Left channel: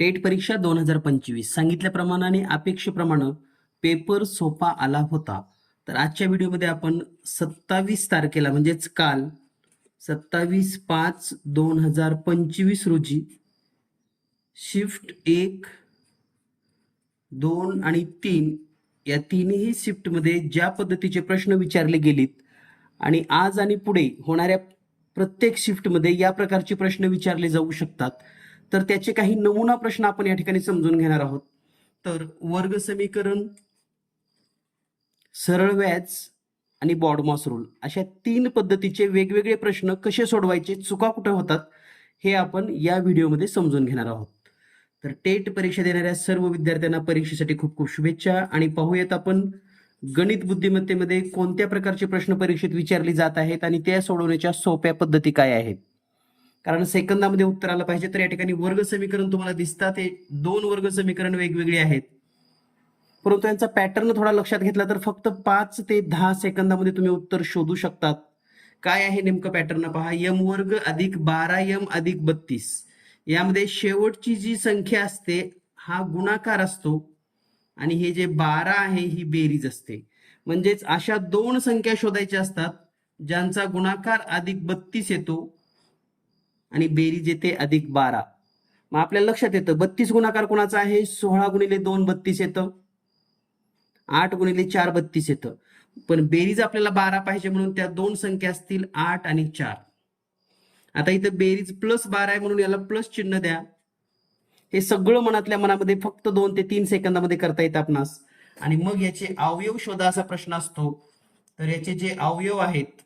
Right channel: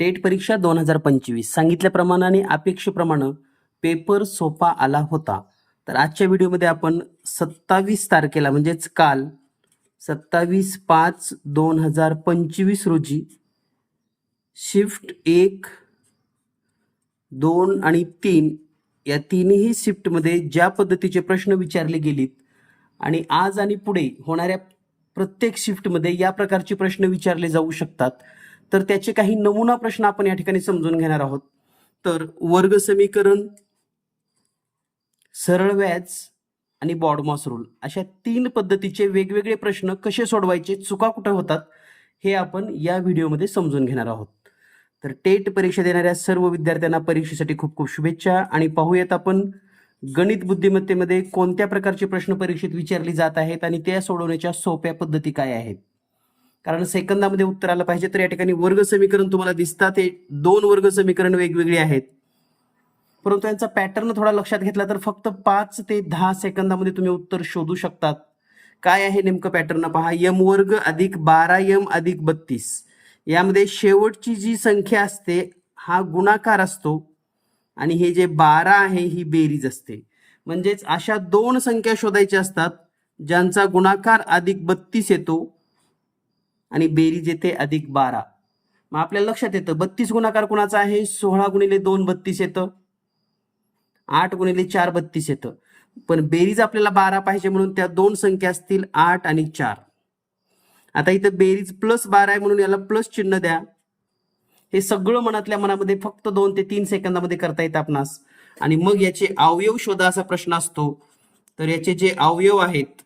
TET परीक्षा दोन हजार पंचवीस. सांगितल्याप्रमाणे अपेक्षेप्रमाणे पेपर सोपा आला होता. तर आजच्या व्हिडिओमध्ये आपण सत्तावीस तारखेला म्हणजेच काल सत्तावीस पाच दोन हजार पंचवीस रोजी शिफ्ट एक दोन आणि तीन या तीनही शिफ्टमध्ये ज्या पद्धतीचे प्रश्न विचारले गेलेत आणि आज आणि पुढे होणाऱ्या प्रत्येक शिफ्टमध्ये या प्रकारचे प्रश्न विचारले जाऊ शकतात. तर त्याचे काही नमुना प्रश्न आपण या ठिकाणी समजून घेणार आहोत. तर वर्ग समीकरण सरळ व्याज आणि बॉडमॉस रूल अशा तीन पद्धतीचे वेगवेगळे प्रश्न कसे सोडवायचे चुका कुठे होतात हे आपण या व्हिडिओमध्ये समजून घेणार आहोत. तर टेट परीक्षा देणाऱ्या सर्व विद्यार्थ्यांना परीक्षेसाठी खूप खूप शुभेच्छा आणि पाहूयात आपण गणित बुद्धिमत्तेमध्ये कोणत्या प्रकारचे प्रश्न परीक्षेत विचारले जात आहेत आणि त्या सोडवण्याच्या सोप्या पद्धती काय आहेत. कारण सेकंदामध्ये उत्तर आलं पाहिजे तर या ठिकाणी वर्ग समीकरण तुम्हाला दिसतात. हे दोन वर्ग समीकरण वेगवेगळे आहेत. परंतु यांचा पॅटर्न थोडा लक्षात घेतला तर फक्त पाच ते दहा सेकंदामध्ये तुम्ही उत्तर शोधू शकतात. काय आहे नेमकं पॅटर्न पहा यम वर्ग अधिक बारा यम अधिक बत्तीस. यामध्ये शेवटची जी संख्या असते हा गुणाकार असतो आणि हे जे बारा आहे ही बेरीज असते. म्हणजेच अशा दोन संख्या शोधायच्या असतात ज्यांचा गुणाकार अधिक बत्तीस येतो आणि बेरीज येते अधिक बारा. मग आपल्याला लक्षात येतं बत्तीस गुणाकार कुणाचा आहे? सोळा गुणिले दोन बत्तीस येतं. आठ गुणिले चार बत्तीस येतं. पण बेरीज आपल्याला बारा पाहिजे म्हणून त्या दोन संख्या असतील आठ आणि चार. आता इथं बेरीज प्लस बारा आहे म्हणून याला प्लस चिन्ह द्या. हे सगळं मनातल्या मनामध्ये फक्त दोन ते तीन सेकंदामध्ये करता येतं आपणास. आणि मग याचे अवयव शोधा असा प्रश्न असतो. तर याचे जे अवयव आहेत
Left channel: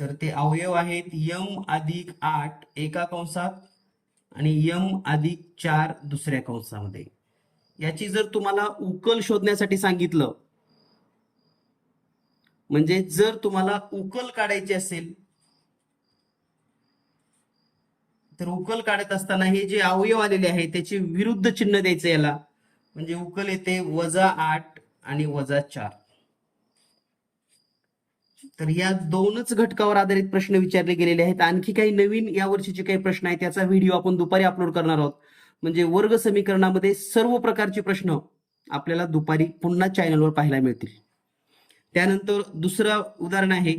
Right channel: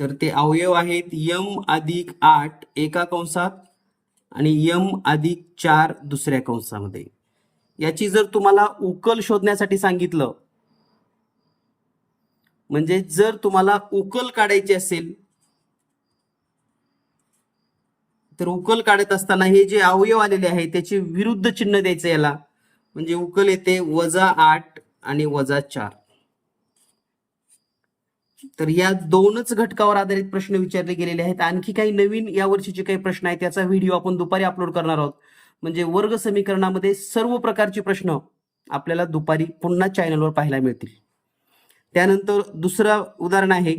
तर ते अवयव आहेत यम अधिक आठ एका कंसात आणि यम अधिक चार दुसऱ्या कंसामध्ये. याची जर तुम्हाला उकल शोधण्यासाठी सांगितलं म्हणजे जर तुम्हाला उकल काढायची असेल तर उकल काढत असताना हे जे अवयव आलेले आहे त्याचे विरुद्ध चिन्ह द्यायचं याला. म्हणजे उकल येते वजा आठ आणि वजा चार. तर या दोनच घटकावर आधारित प्रश्न विचारले गेलेले आहेत. आणखी काही नवीन या वर्षीचे काही प्रश्न आहेत त्याचा व्हिडिओ आपण दुपारी अपलोड करणार आहोत. म्हणजे वर्ग समीकरणामध्ये सर्व प्रकारचे प्रश्न आपल्याला दुपारी पुन्हा चॅनलवर पाहायला मिळतील. त्यानंतर दुसरं उदाहरण आहे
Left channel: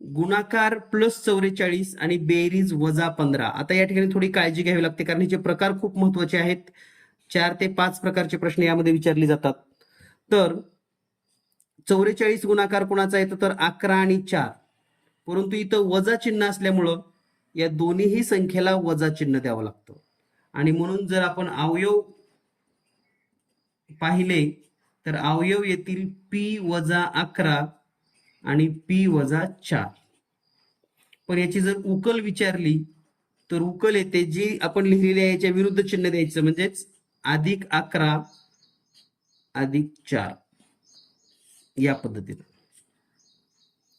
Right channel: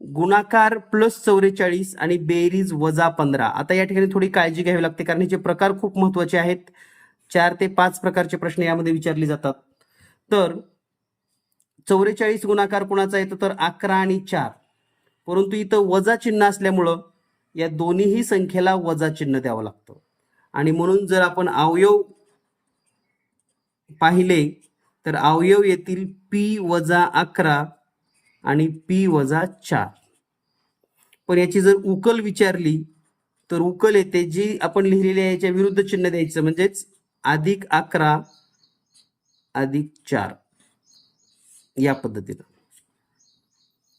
गुणाकार प्लस चौवेचाळीस आणि बेरीज वजा पंधरा. आता या ठिकाणी थोडी काळजी घ्यावी लागते कारण हे प्रकार खूप महत्त्वाचे आहेत चार ते पाच प्रकारचे प्रश्न यामध्ये विचारले जातात. तर चौवेचाळीस गुणाकार कुणाचा येतो? तर अकरा आणि चार. परंतु इथं वजा चिन्ह असल्यामुळं या दोन्हीही संख्येला वजा चिन्ह द्यावं लागतं. आणि म्हणून जर आपण अवयव पाहिले तर अवयव येतील पी वजा अकरा आणि पी वजा चार. पण याची जर उकल विचारली तर उकल येते जी आपण लिहिलेली आहे याच्या विरुद्ध चिन्ह द्यायचं म्हणजेच अधिक अकरा अधिक चार. या पद्धतीनं.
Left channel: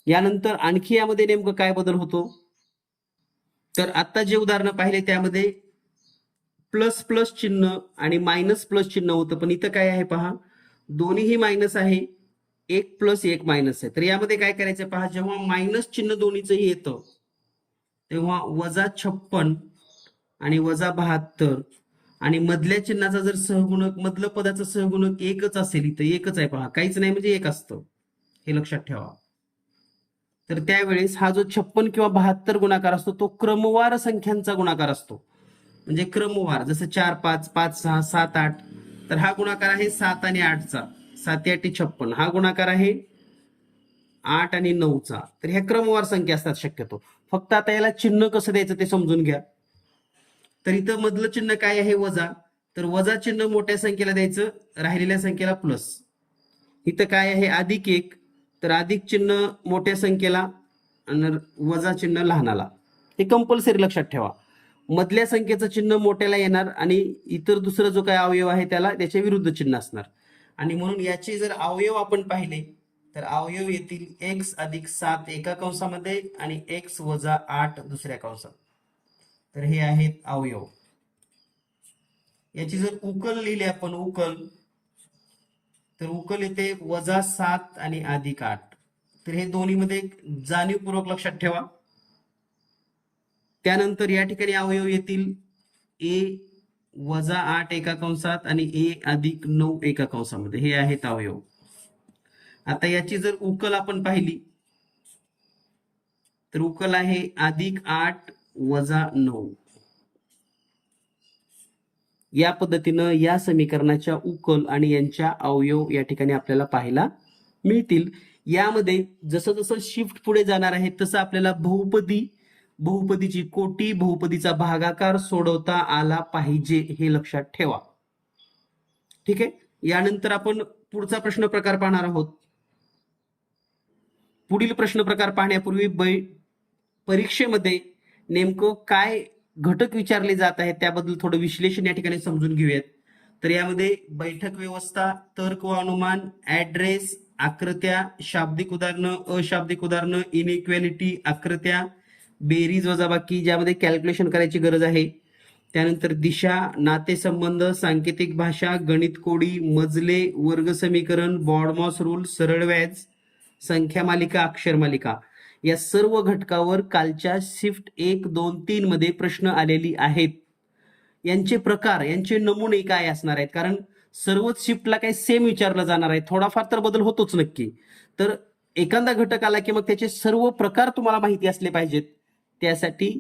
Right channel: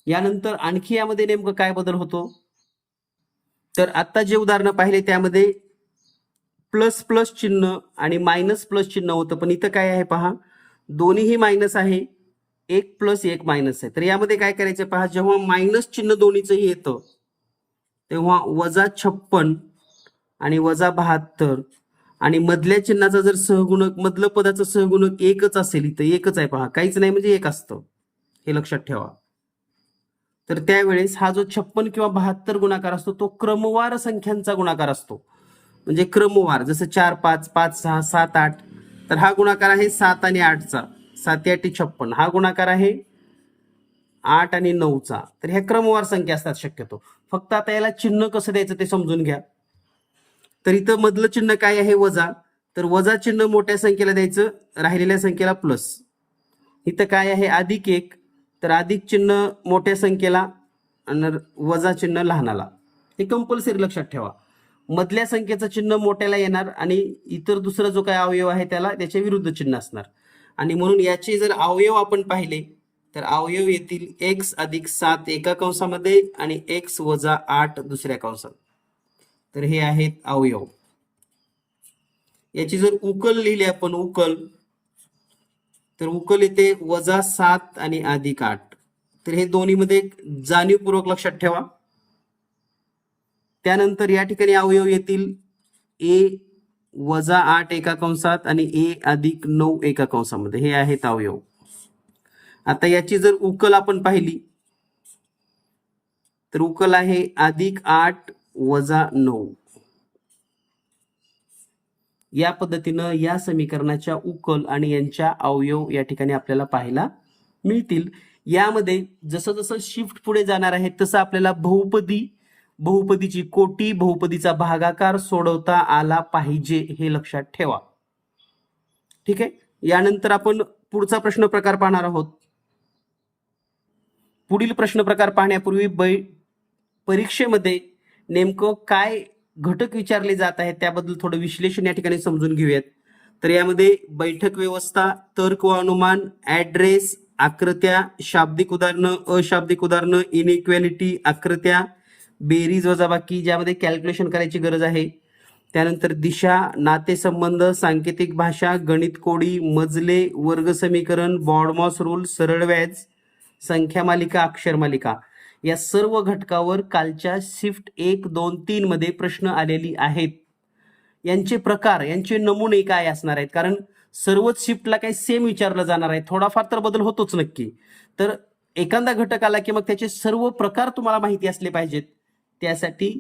यानंतर आणखी यामध्ये नेमकं काय बदल होतो? तर आता जे उदाहरणं पाहिले त्यामध्ये प्लस प्लस चिन्ह आणि मायनस प्लस चिन्ह होतं पण इथं काय आहे पहा? दोन्हीही मायनस आहे. एक प्लस एक मायनस आहे. तर यामध्ये काय करायचं पहा? जेव्हा मायनस चिन्ह दोन्हीचंही येतं तेव्हा वजा छप्पन आणि वजा बहात्तर आणि मधल्या चिन्हाचा जर सहगुणक मधलं पदाचं सहगुणक एकच असेल इथं एकच आहे पहा. काहीच नाही म्हणजे एक असतं. हे लक्षात ठेवा. तर त्यावेळेस हा जो छप्पन किंवा बहात्तर गुणाकार असतो तो क्रमवार संख्यांचा गुणाकार असतो. म्हणजे क्रमवार जसं चार पाच पाच सहा सात आठ तर हा गुणाकार आहे सात आणि आठचा. सात आठ छप्पन. हा गुणाकार आहे आठ आणि नऊचा. तर ह्या क्रमवार संख्या असतात शक्यतो. फक्त आता याला चिन्ह कसं द्यायचं ते समजून घ्या. तर इथं मधलं चिन्ह काय आहे? वजा. तर वजा चिन्ह मोठ्या संख्येला द्यायचं राहिलेल्या संख्येला प्लस इथं काय आहे? अधिक एक. तर अधिक चिन्ह मोठ्या संख्येला आणि वजा चिन्ह लहानाला. हे कंपल्सरी लक्षात ठेवा. मधल्या संख्येचं चिन्ह मोठ्याला येणार आणि इतर दुसरा जो काय अवयव आहे त्याला त्याच्या विरुद्ध चिन्ह असणार. आणि म्हणून याचे जर अवयव आपण पाहिले तर अवयव येतील एक्स अधिक सात एका कंसामध्ये आणि एक्स वजा आठ दुसऱ्या कंसात. तर हे आहेत अवयव. याची जर उकल लिहिली आपण उकल तर उकल येते वजा सात आणि अधिक आठ. तर हे दोन्हीमध्ये जाणीवपूर्वक लक्षात ठेवा. त्यानंतर या ठिकाणी अवयव येतील. ए वजा आठ एका कंसात आणि ए अधिक नऊ एका कंसामध्ये हे आहेत अवयव. आता याची जर उकल आपण पाहिली तर उकल आहे अधिक आठ वजा नऊ. या पद्धतीनं या समीकरणाच्या उकल आणि यांच्या अवयव या ठिकाणी आपल्याला पाहायला मिळतील. यामध्ये जसं जसं शिफ्ट पुढे जाणार आहे तसं आपल्याला बहुपदी बहुपदीची कोटी बहुपदीचा भागाकार सोडवता आला पाहिजे हे लक्षात ठेवा. ठीक आहे? यानंतर आपण पुढचा प्रश्न प्रकार पाहणार आहोत. पुढील प्रश्न प्रकार पाहण्यापूर्वी बै परीक्षेमध्ये नेमकं काय घटक विचारले जात आहेत त्याबद्दल थोडं विश्लेषण या ठिकाणी समजून घेऊयात. तर यामध्ये बैठक व्यवस्था तर्क व अनुमान ऍड्रेस आकृत्या शाब्दिक उदाहरणं अशाब्दिक उदाहरणं इनइक्वॅलिटी आकृत्या बेरीज वजाबाकी ज्यामध्ये कॅल्क्युलेशन करायची गरज आहे. त्यानंतर दिशा नातेसंबंध सांकेतिक भाषा गणित कोडी मजले वर्ग समीकरण बॉडमॉस रूल सरळ व्याज संख्या मालिका अक्षर मालिका. या सर्व घटकावर कालच्या शिफ्ट एक दोन तीन मध्ये प्रश्न आलेली आहेत. यांचे प्रकार यांचे नमुने काय असणार आहेत? कारण सर्वच शिफ्टला काही सेम विचारलं जाणार आहे. थोडाफार तर बदल होतोच नक्की. तर एखादा घटक आला की मग त्याचे सर्व प्रकार तुम्हाला माहिती असले पाहिजेत. त्यासाठी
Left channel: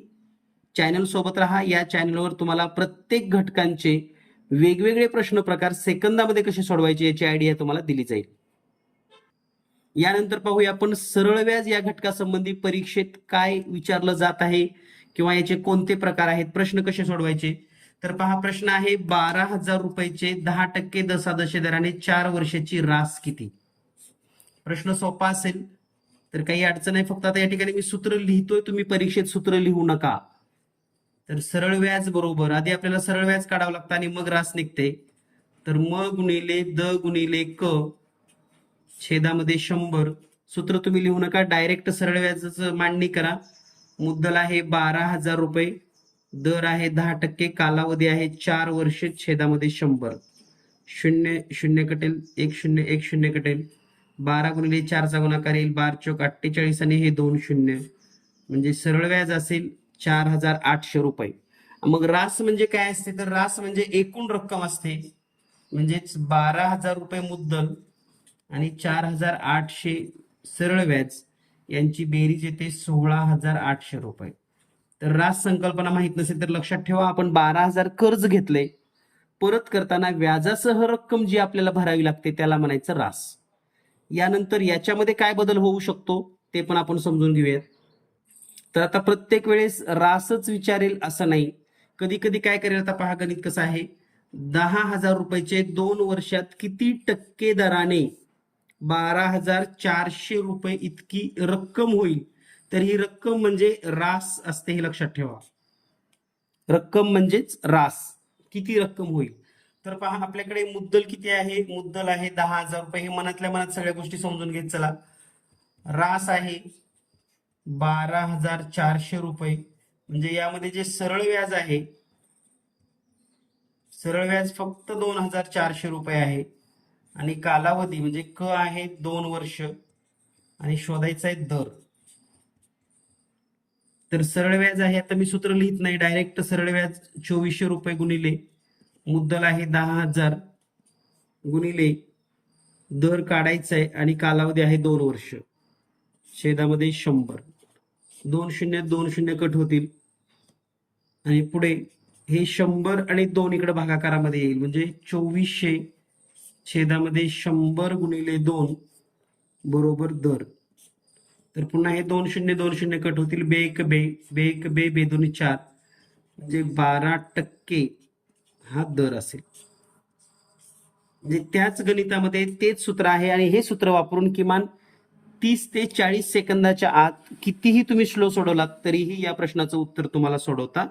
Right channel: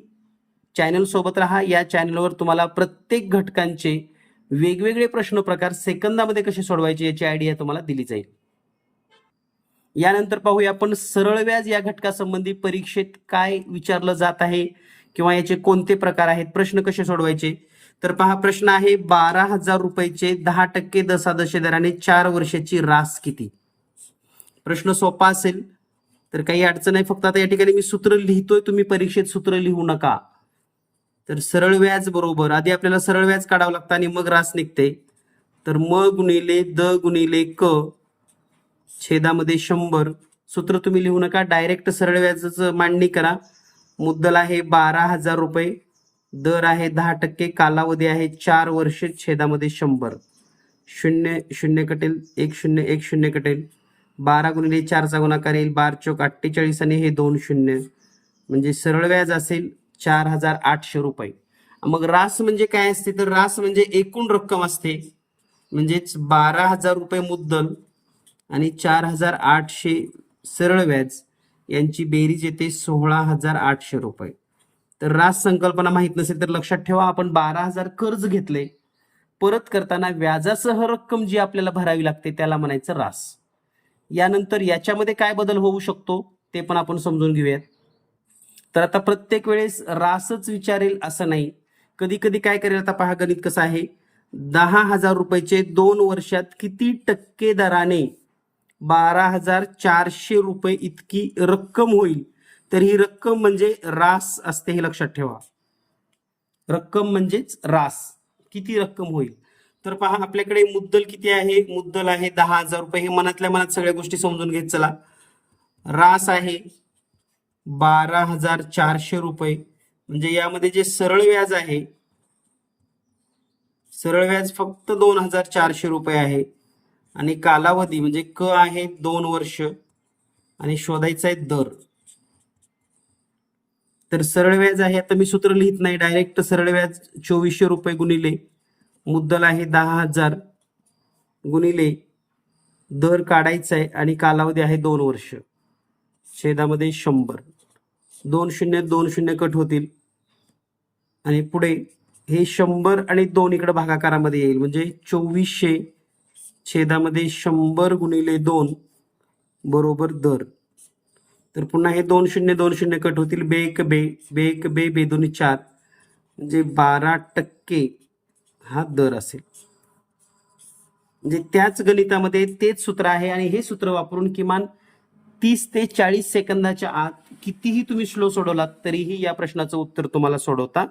चॅनल सोबत राहा. या चॅनलवर तुम्हाला प्रत्येक घटकांचे वेगवेगळे प्रश्न प्रकार सेकंदामध्ये कसे सोडवायचे याची आयडिया तुम्हाला दिली जाईल. यानंतर पाहूया आपण सरळ व्याज या घटकासंबंधी परीक्षेत काय विचारलं जात आहे किंवा याचे कोणते प्रकार आहेत? प्रश्न कसे सोडवायचे? तर पहा प्रश्न आहे बारा हजार रुपयाचे दहा टक्के दशादशे दराने चार वर्षाची रास किती? प्रश्न सोपा असेल तर काही अडचण आहे. फक्त आता या ठिकाणी मी सूत्र लिहितोय तुम्ही परीक्षेत सूत्र लिहू नका. तर सरळ व्याज बरोबर आधी आपल्याला सरळ व्याज काढावं लागतं आणि मग रास निघते. तर म गुणिले द गुणिले क छेदामध्ये शंभर. सूत्र तुम्ही लिहू नका. डायरेक्ट सरळ व्याजाचं मांडणी करा. मुद्दल आहे बारा हजार रुपये. दर आहे दहा टक्के. कालावधी आहे चार वर्ष. छेदामध्ये शंभर. शून्य शून्य कटेल. एक शून्य एक शून्य कटेल. बारा गुणिले चारचा गुणाकार येईल. बार चौक अठ्ठेचाळीस आणि हे दोन शून्य. म्हणजे सरळ व्याज असेल चार हजार आठशे रुपये. मग रास म्हणजे काय असते? तर रास म्हणजे एकूण रक्कम असते. म्हणजेच बारा हजार रुपये मुद्दल आणि चार हजार आठशे सरळ व्याज यांची बेरीज येते सोळा हजार आठशे रुपये. तर रास संकल्पना माहीत नसेल तर लक्षात ठेवा आपण बारा हजार कर्ज घेतले. परत करताना व्याजासह रक्कम जी आपल्याला भरावी लागते त्याला म्हणायचं रास. यानंतर याच्यामध्ये काय बदल होऊ शकतो ते पण आपण समजून घेऊयात. तर आता प्रत्येक वेळेस रासच विचारेल असं नाही. कधी कधी काय करेल आता पहा गणित कसं आहे? दहा हजार रुपयाचे दोन वर्षात किती टक्के दराने बारा हजार चारशे रुपये इतकी रक्कम होईल. तर ही रक्कम म्हणजे रास असते हे लक्षात ठेवा. रक्कम म्हणजेच रास. किती रक्कम होईल? तर पहा आपल्याकडे मुद्दल किती आहे? मुद्दल आहे दहा हजार रुपये. हे मनातल्या मनात सगळ्या गोष्टी समजून घेत चला. रास आहे बारा हजार चारशे रुपये. म्हणजे यामध्ये जे सरळ व्याज आहे सरळ व्याज फक्त दोन हजार चारशे रुपये आहे. आणि कालावधी म्हणजे क आहे दोन वर्ष आणि शोधायचा आहे दर. तर सरळ व्याज आहे आता मी सूत्र लिहित नाही डायरेक्ट सरळ व्याज चोवीसशे रुपये गुणिले मुद्दल आहे दहा हजार गुणिले दर काढायचा आहे आणि कालावधी आहे दोन वर्ष. छेदामध्ये शंभर. दोन शून्य दोन शून्य कट होतील. आणि पुढे हे शंभर आणि दोन इकडे भागाकारामध्ये येईल. म्हणजे चोवीसशे छेदामध्ये शंभर गुणिले दोन बरोबर दर. तर पुन्हा हे दोन शून्य दोन शून्य कट होतील. बे एक बे बे एक बे बे दोन्ही चार. म्हणजे बारा टक्के हा दर असेल. म्हणजे त्याच गणितामध्ये तेच सूत्र आहे आणि हे सूत्र वापरून किमान तीस ते चाळीस सेकंदाच्या आत कितीही तुम्ही स्लो सोडवलात तरीही या प्रश्नाचं उत्तर तुम्हाला सोडवता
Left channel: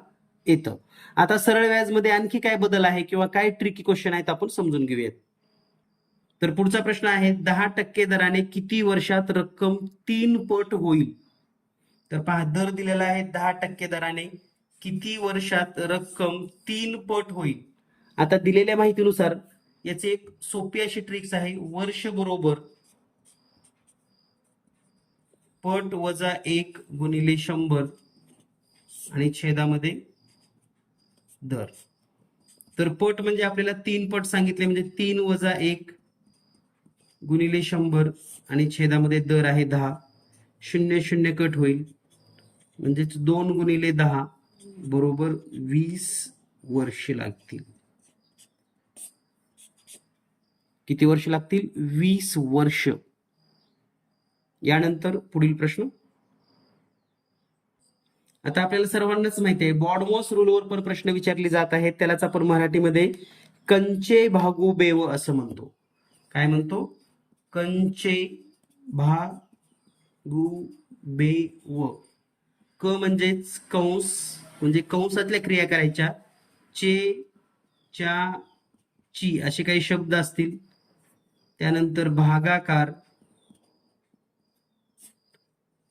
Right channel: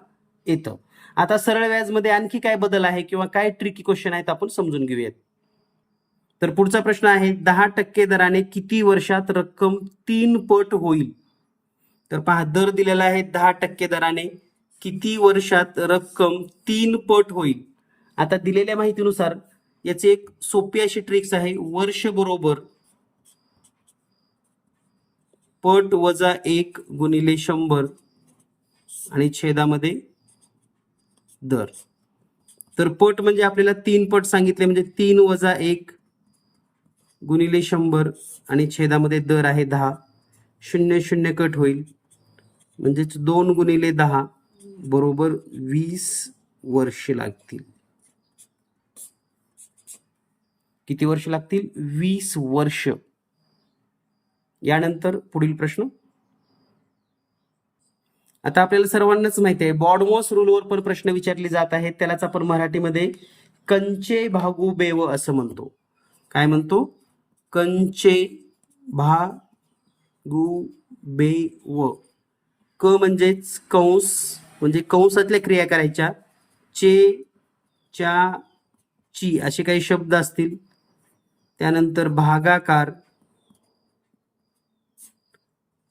येतं. आता सरळ व्याजमध्ये आणखी काय बदल आहे किंवा काय ट्रिकी क्वेश्चन आहेत आपण समजून घेऊयात. तर पुढचा प्रश्न आहे दहा टक्के दराने किती वर्षात रक्कम तीन पट होईल? तर पहा दर दिलेला आहे दहा टक्के दराने किती वर्षात रक्कम तीन पट होईल? आता दिलेल्या माहितीनुसार याची एक सोपी अशी ट्रिक्स आहे वर्ष बरोबर पट वजा एक गुणिले शंभर आणि छेदामध्ये दर. तर पट म्हणजे आपल्याला तीन पट सांगितले म्हणजे तीन वजा एक गुणिले शंभर आणि छेदामध्ये दर आहे दहा. शून्य शून्य कट होईल. म्हणजेच दोन गुणिले दहा बरोबर वीस वर्षे लागतील. किती वर्ष लागतील? वीस वर्ष. यानंतर पुढील प्रश्न. आता आपल्याला सर्वांनाच माहिती आहे बॉडमॉस रूलवर पण प्रश्न विचारले जात आहेत. त्यालाच आपण मराठीमध्ये कंचे भागू बेव असं म्हणतो. काय म्हणतो? कंचे भा गु बे व. क म्हणजेच कंस म्हणजे कंसातल्या क्रिया करायच्या. चे च्या ची असे काही शब्द असतील. त्यानंतर भागाकार.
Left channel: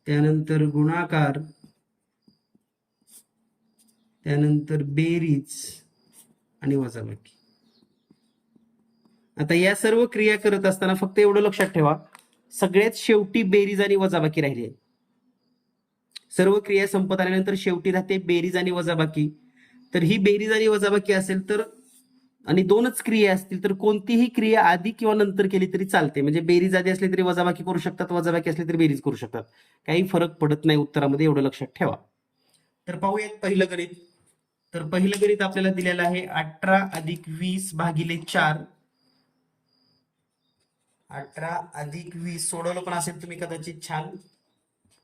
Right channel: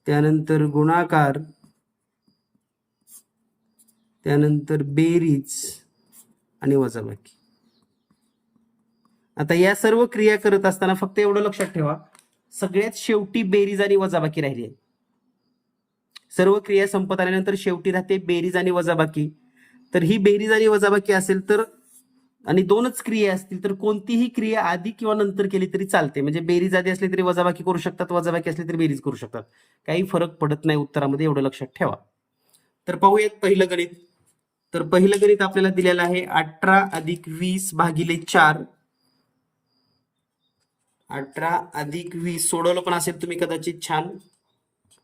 त्यानंतर गुणाकार. त्यानंतर बेरीज आणि वजाबाकी. आता या सर्व क्रिया करत असताना फक्त एवढं लक्षात ठेवा सगळ्यात शेवटी बेरीज आणि वजाबाकी राहिली आहे. सर्व क्रिया संपत आल्यानंतर शेवटी राहते बेरीज आणि वजाबाकी. तर ही बेरीज आणि वजाबाकी असेल तर आणि दोनच क्रिया असतील तर कोणतीही क्रिया आधी किंवा नंतर केली तरी चालते. म्हणजे बेरीज आधी असली तरी वजाबाकी करू शकतात वजाबाकी असली तरी बेरीज करू शकतात. काही फरक पडत नाही उत्तरामध्ये एवढं लक्षात ठेवा. तर पाहूयात पहिलं गणित. तर पहिलं गणित आपल्याला दिलेलं आहे अठरा अधिक वीस भागिले चार. अठरा अधिक वीस सोडवलं पण असेल तुम्ही कदाचित छान.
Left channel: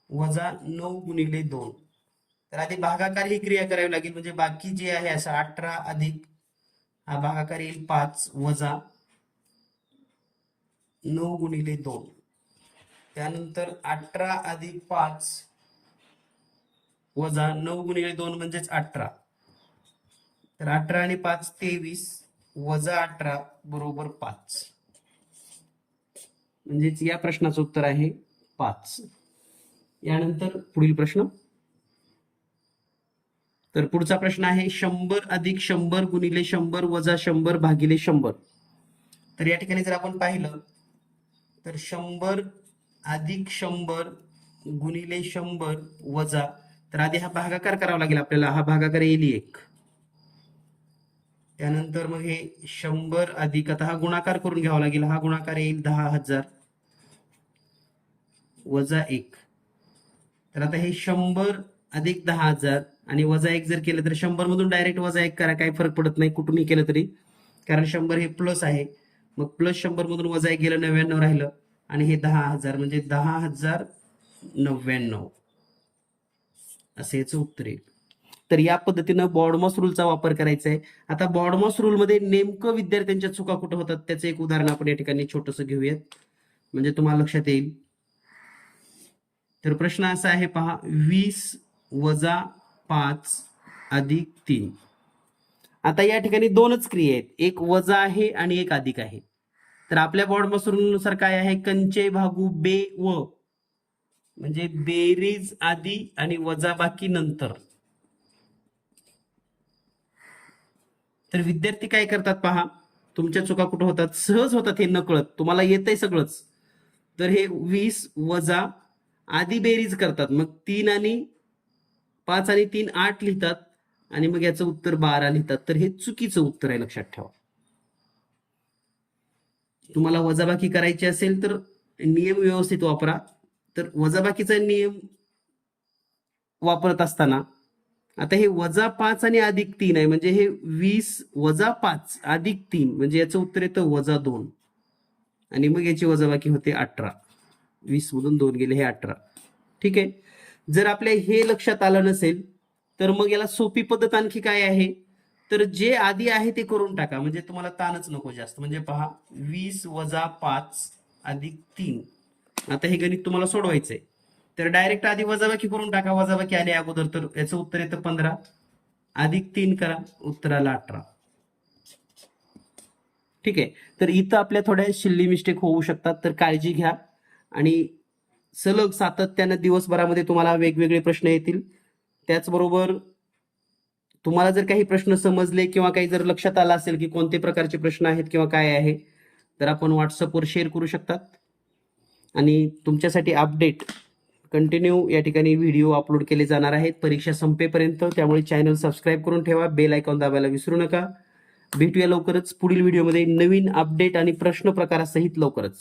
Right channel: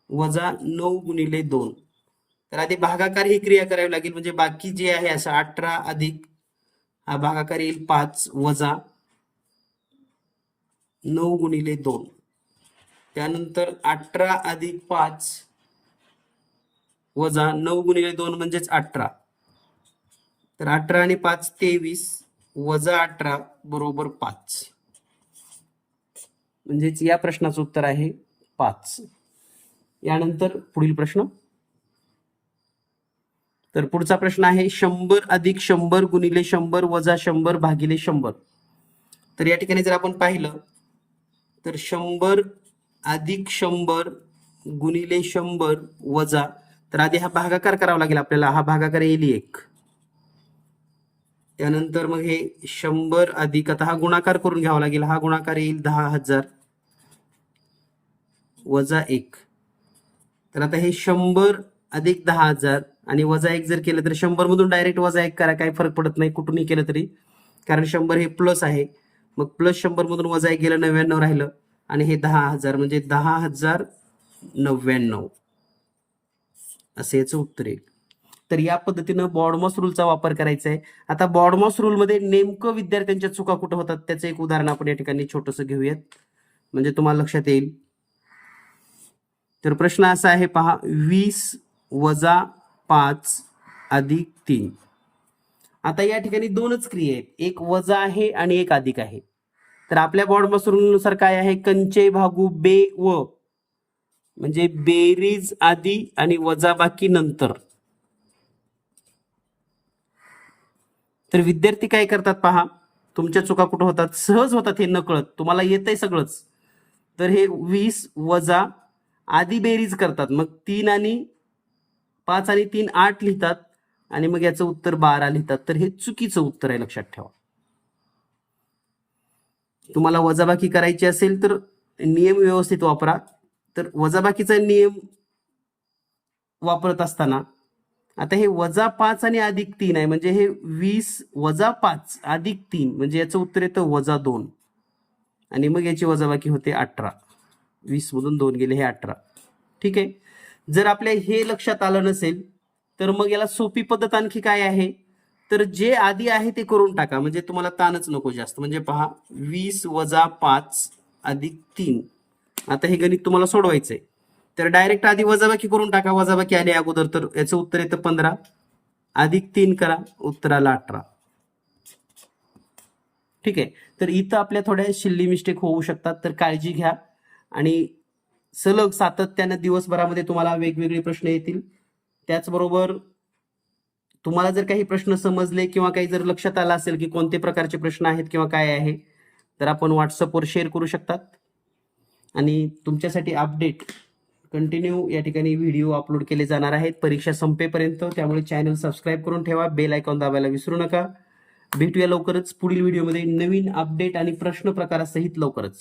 वजा नऊ गुणिले दोन. तर आधी भागाकार ही क्रिया करावी लागेल म्हणजे बाकी जे आहे असं अठरा अधिक हा भागाकार येईल पाच वजा नऊ गुणिले दोन. त्यानंतर अठरा अधिक पाच वजा नऊ गुणिले दोन म्हणजेच अठरा. तर अठरा आणि पाच तेवीस वजा अठरा बरोबर पाच. म्हणजेच या प्रश्नाचं उत्तर आहे पाच. यानंतर पुढील प्रश्न. तर पुढचा प्रश्न आहे शंभर अधिक शंभर गुणिले शंभर वजा शंभर भागिले शंभर. तर या ठिकाणी जर आपण पाहिलं तर शंभर अधिक शंभर गुणिले शंभर वजा तर आधी हा भागाकार करावा लागेल आपल्याला. हा भागाकार येईल एक. त्यानंतर मग हे शंभर अधिक आता हा गुणाकार करून घ्यावा लागेल. हा गुणाकार येईल दहा हजार. वजा एक. तर आता हे शंभर अधिक दहा हजार आणि वजा एक जर केलं तर शंभर मधून डायरेक्ट वजा एक करा काही फरक पडत नाही कुठूनही केलं तरी. कारण शंभर हे प्लस आहे. मग प्लस शंभर मधून वजा एक गेलं नव्याण्णव राहिलं आणि हे दहा हजार म्हणजे दहा हजार नव्याण्णव. असे याचं उत्तर येईल तर या पद्धतीनं बॉडमॉस रूलचा वापर करायचा आहे. आता बॉडमॉस रूलमध्ये नेमकं विद्यार्थ्यांच्या चुका कुठं होतात त्याचं एक उदाहरण आपण या ठिकाणी छोटंसं घेऊयात. म्हणजे तुम्हाला लक्षात येईल. तर प्रश्न असा आहे पहा वीस वजा पाच अधिक तीन. आता या ठिकाणी दोनच क्रिया आहेत. एक वजा आहे आणि एक अधिक आहे. तर आपल्या बॉडमॉस काय आहे? कंचे भागू बे व. म्हणजे बेरीज आधी आणि वजाबाकी नंतर. तर विद्यार्थी काय करतात पहा? तुमच्या चुका कुठं होतात? सहज होतात हे नकळत. तुम्हाला येतंय सगळंच. तर हे वीस वजा आधी बेरीज करतात. मग तीन आणि पाच आणि तीन आठ लिहितात आणि मग याचं उत्तर बारा लिहितात. तर हे चुकीचं उत्तर आहे लक्षात ठेवा. तुम्हाला वजाबाकी करायची असेल तर नियम व्यवस्थित वापरा. तर वजाबाकीचा नियम वापरत असताना आता हे वजा पाच आणि अधिक तीन आहे. म्हणजे हे वीस वजा पाच अधिक तीन. म्हणजे याचं उत्तर येतं वजा दोन. आणि मग याची वजाबाकी होते अठरा. वीस मधून दोन गेले हे अठरा. ठीक आहे? जर आपल्या हे लक्षात आलं नसेल तर मग याला सोपी पद्धत आणखी काय आहे? तर जे आधी आहे ते करून टाका. म्हणजे तुम्हाला ताणच नको जास्त. म्हणजे पहा वीस वजा पाच अधिक तीन. आता हे गणित तुम्हाला सोडवायचंय. तर डायरेक्ट आधी वजाबाकी करून टाका. वजाबाकी आली अगोदर तर याचं उत्तर येतं पंधरा. अधिक तीन करा उत्तराला अठरा. ठीक आहे? तर इथं आपल्या थोड्या शिल्ली मिस्टेक होऊ शकतात. तर काळजी घ्या. आणि सलग सातत्यानं दिवसभरामध्ये तुम्हाला वेगवेगळे प्रश्न येतील. त्याचबरोबर तुम्हाला जर काही प्रश्न समजले किंवा काही जर लक्षात आलं असेल की कोणते प्रकारचे प्रश्न आहेत किंवा काय आहे तर आपण व्हॉट्सअपवर शेअर करू शकतात. आणि तुमच्यासाठी अपडेट कंटिन्यू या ठिकाणी व्हिडिओ अपलोड केले जाणार आहेत. परीक्षा संपेपर्यंत त्यामुळे चॅनल सबस्क्राईब करून ठेवा बेल आयकॉन दाबायला विसरू नका. भेटूया लवकरच पुढील व्हिडिओमध्ये नवीन अपडेट आणि प्रश्न प्रकारासहित लवकरच.